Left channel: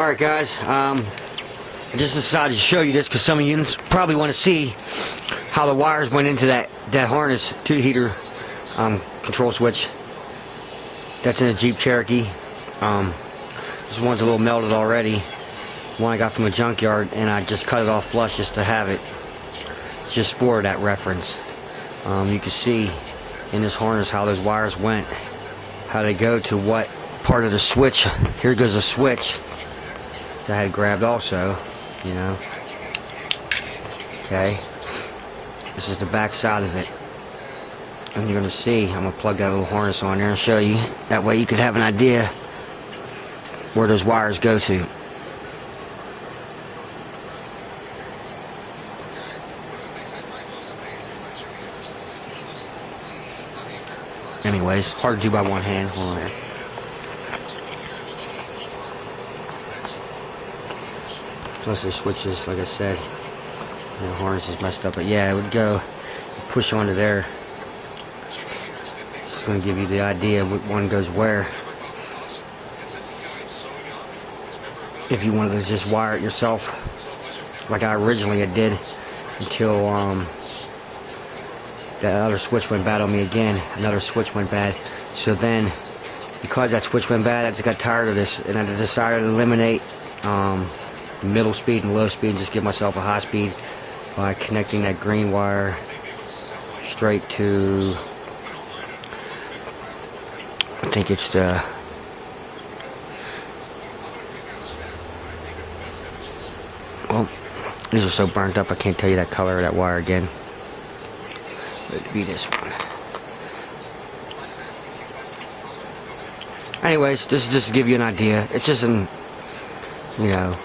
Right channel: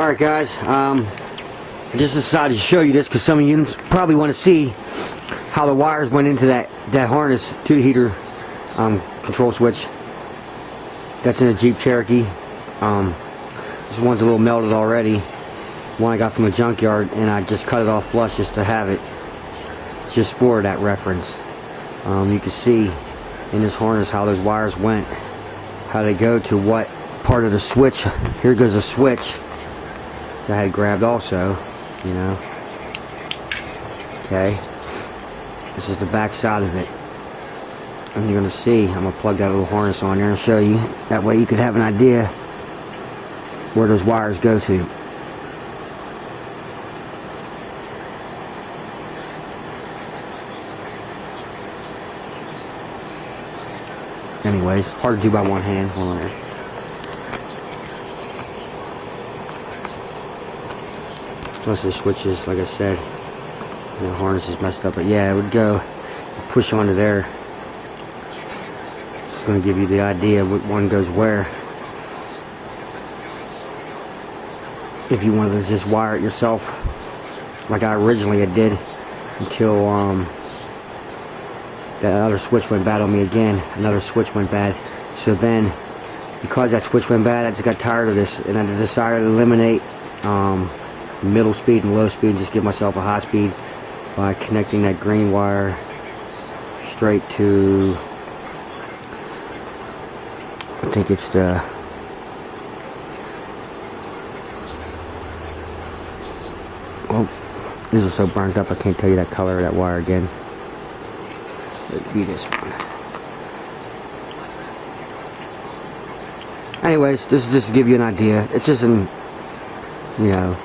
Alright guys, I just decided to show you this because some of you probably want to see how the wires went into that harness to the heater control switch. That's in a Jeep Cherokee. This one's a little melted already. One I got from a junkyard, and I just cut it off flush just to have it, just for that reference. You can see in this harness how those wires went, how they go to what part of the switch. Here goes the switch that I had grabbed also, you know. Okay, this is the back side of it, and you're gonna see, I'm gonna plug that little harness on there and show you. That way you could have an idea where those wires go to. Anyways, hard to do by one hand. Hold on there. Plus the switches, like I said, the harness is messed up, but yeah, it would go push onto there. It's going to give you the idea what one goes where. If you wanted to just wire it yourself, like I originally did, until that other switch went bad on me again. Another switch went bad. So then, because that switch went bad, I just got tired of this, and I decided to eliminate middle speed and low speed, and just give myself a high speed by connecting that green wire straight to, I think it's the, oh, these are so burnt up I can't tell you that color of that wire again. It'd be this one. Anyways, this is just to give you an idea. It's just an, you know,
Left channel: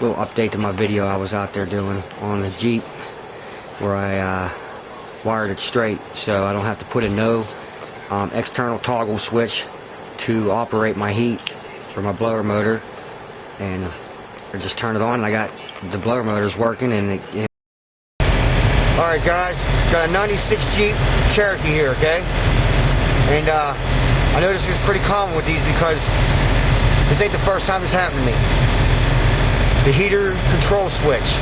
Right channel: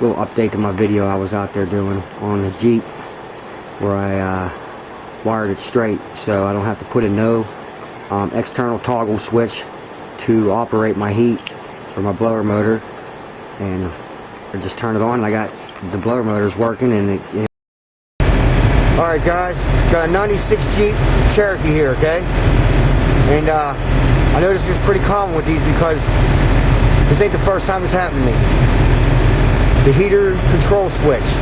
little update to my video I was out there doing on the Jeep, where I wired it straight, so I don't have to put in no external toggle switch to operate my heat or my blower motor, and I just turn it on and I got the blower motors working, and it. Alright guys, got a 96 Jeep Cherokee here, okay? And I notice it's pretty common with these because this ain't the first time this happened to me. The heater control switch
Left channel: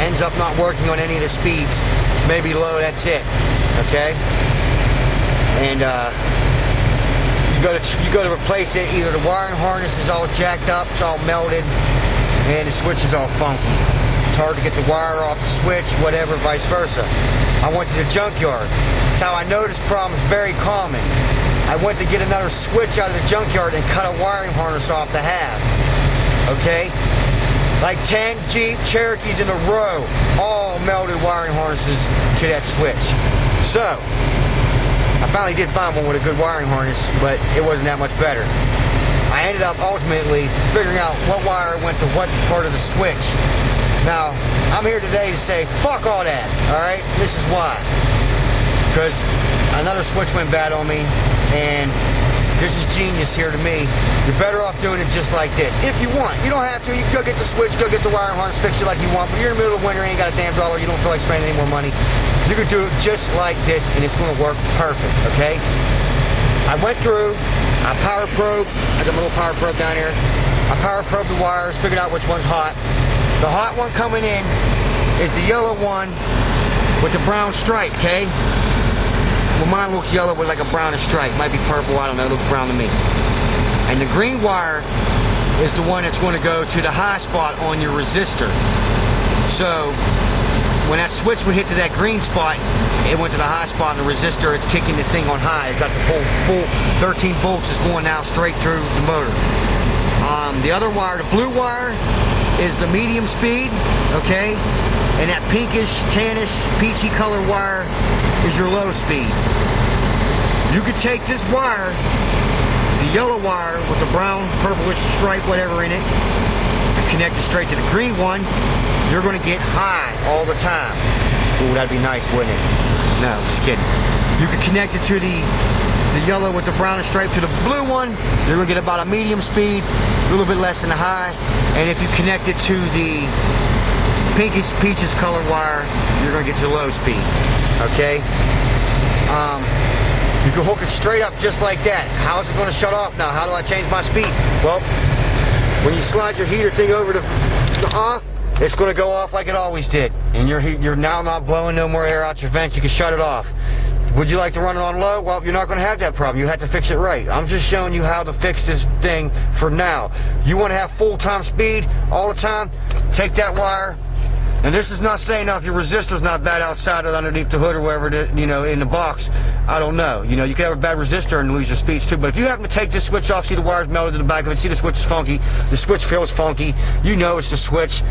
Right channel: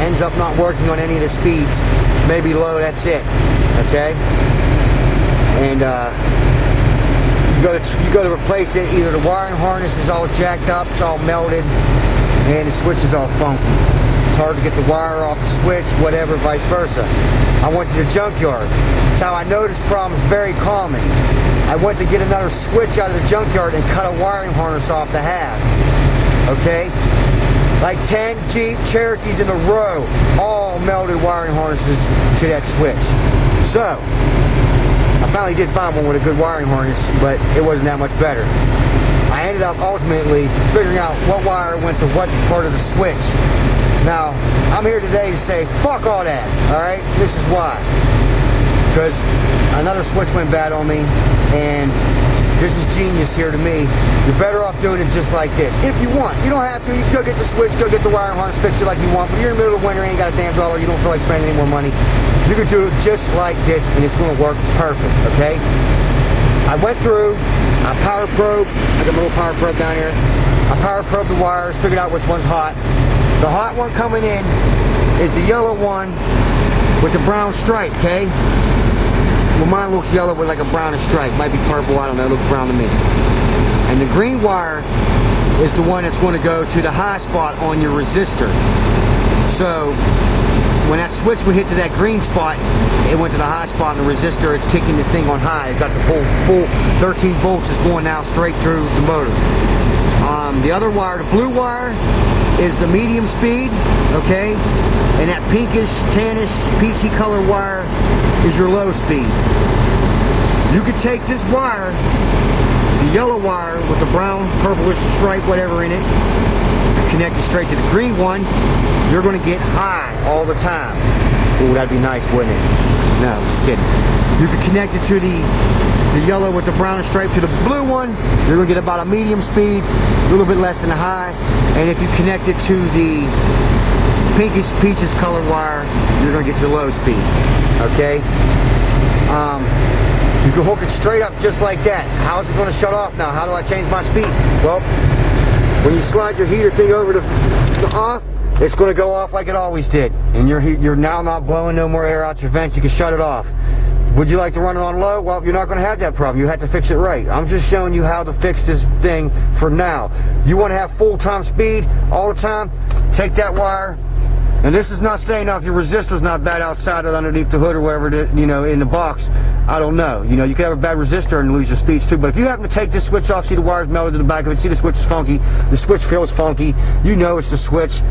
ends up not working on any of the speeds. Maybe low, that's it. Okay? And you go to replace it, either the wiring harness is all jacked up, it's all melted, and the switch is all funky. It's hard to get the wire off the switch, whatever, vice versa. I went to the junkyard. That's how I know this problem is very common. I went to get another switch out of the junkyard and cut a wiring harness off the half. Okay? Like 10 Jeep Cherokees in a row, all melted wiring harnesses to that switch. So, I finally did find one with a good wiring harness, but it wasn't that much better. I ended up ultimately figuring out what wire went to what part of the switch. Now, I'm here today to say, fuck all that, alright? This is why. Because another switch went bad on me, and this is genius here to me. You're better off doing it just like this. If you want. You don't have to. You can go get the switch, go get the wiring harness, fix it like you want, but you're in the middle of winter, ain't got a damn dollar, you don't feel like spending any more money. You can do it just like this, and it's going to work perfect, okay? I went through, I power probe, I got a little power probe down here. I power probed the wires, figured out which one's hot. The hot one coming in is the yellow one with the brown stripe, okay? Well, mine looks yellow with like a brownish stripe. Might be purple, I don't know, it looks brown to me. And the green wire is the one that's going to go to the high spot on your resistor. So, when that switch would hit to that green spot, it went to the high spot in the resistor, it's kicking the thing on high. It got the full 13 volts is going now straight through the motor. The other wire, the blue wire, is the medium speed, okay? And that pinkish, tannish, peachy color wire is your low speed. You could take this wire, the yellow wire with the brown, purplish stripe, whatever in it, connect it straight to the green one, you're going to get high all the time. Ooh, that'd be nice, wouldn't it? No, just kidding. You could connect it to the yellow with the brownish stripe to the blue one, you're going to get about a medium speed, a little bit less than a high. And if you connect it to the pinkish, peaches color wire, you're going to get to low speed. Okay? You can hook it straight up just like that. How's it going to shut off now? How do I change my speed? Well, When you slide your heater thing over to off, it's going to go off like it always did. And you're now not blowing no more air out your vents. You can shut it off. Would you like to run it on low? Well, you're not going to have that problem. You have to fix it right. I'm just showing you how to fix this thing for now. You want to have full-time speed all the time? Take that wire. And this is not saying now if your resistor's not bad outside or underneath the hood or wherever, in the box. I don't know. You can have a bad resistor and lose your speeds too. But if you happen to take this switch off, see the wire's melted to the back of it, see the switch is funky, the switch feels funky, you know it's the switch.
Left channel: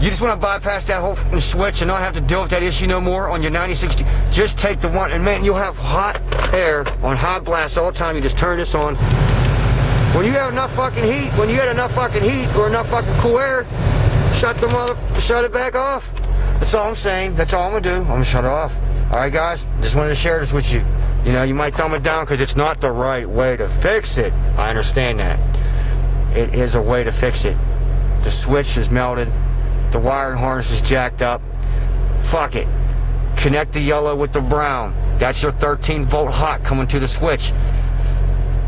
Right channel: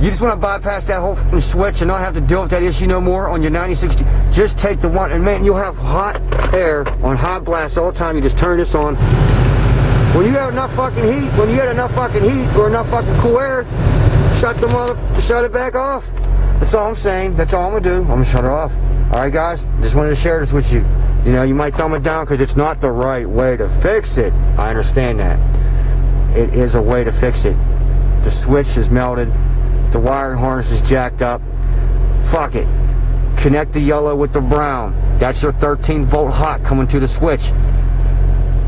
You just want to bypass that whole switch and not have to deal with that issue no more on your 9060. Just take the one, and man, you'll have hot air on hot blast all the time. You just turn this on. When you have enough fucking heat, or enough fucking cool air, shut it back off. That's all I'm saying. That's all I'm gonna do. I'm gonna shut it off. All right, guys. Just wanted to share this with you. You might thumb it down because it's not the right way to fix it. I understand that. It is a way to fix it. The switch is melted. The wiring harness is jacked up. Fuck it. Connect the yellow with the brown. That's your 13-volt hot coming to the switch.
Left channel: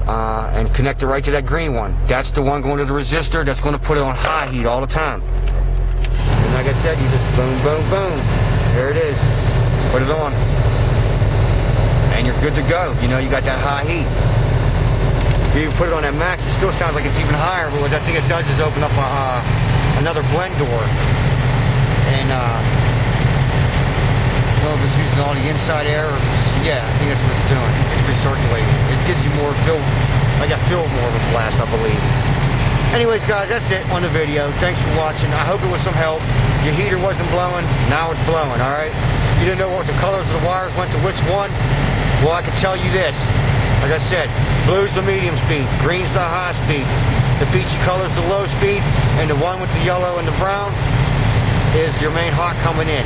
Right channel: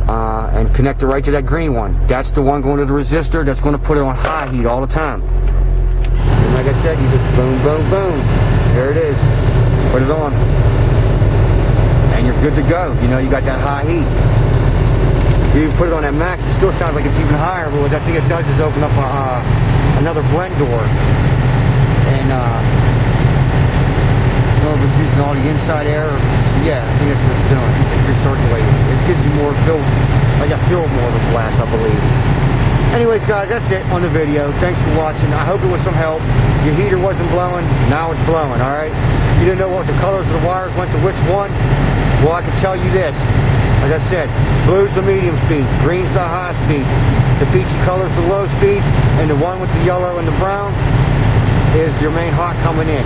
And connect it right to that green one. That's the one going to the resistor that's going to put it on high heat all the time. And like I said, you just boom, boom, boom. There it is. Put it on. And you're good to go. You got that high heat. You even put it on that max, it still sounds like it's even higher, but what that thing it does is open up another blend door. And I don't know if it's using all the inside air or if it's, yeah, I think that's what it's doing. It's recirculating. It gives you more feel, like I feel more of a blast, I believe. Anyways, guys, that's it on the video. Thanks for watching. I hope it was some help. Your heater wasn't blowing, now it's blowing, alright? You didn't know what the colors of the wires went to which one? Well, I can tell you this. Like I said, blue's the medium speed, green's the high speed, the peachy color's the low speed, and the one with the yellow and the brown is your main hot coming in.